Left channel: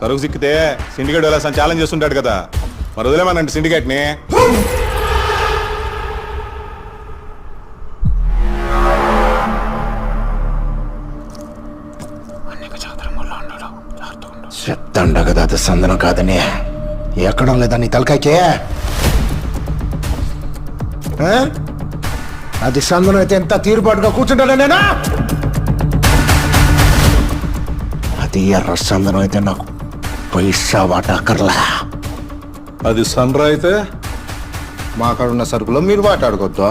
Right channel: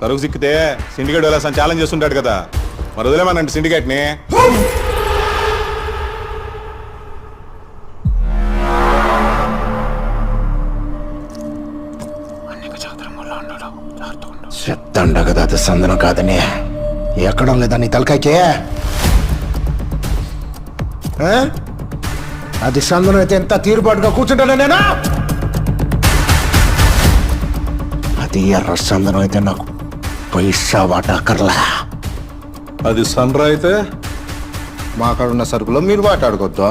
సరుకు సిక్కితే సిండికేట్ వెళ్ళా ఛాలెంజ్ చేస్తుంటాడు కదా, మరి వదిలేమనండి సిండికేట్ని. చెప్తాండ కదా అది సందనం కాదని. ఎక్కడం లేదా నీ తలకాయకే? అది సందనం అయితే ఎంత తీరుబాటుగా కూర్చుంటాను నేను. అది ఎర్ర సందనం అయితే నాకు పైసా వాటా అక్కర్లా. అది సన్రా అయితే మా కాడ ఉన్న సరుకులో మీరు వాటాడుకోవద్దు.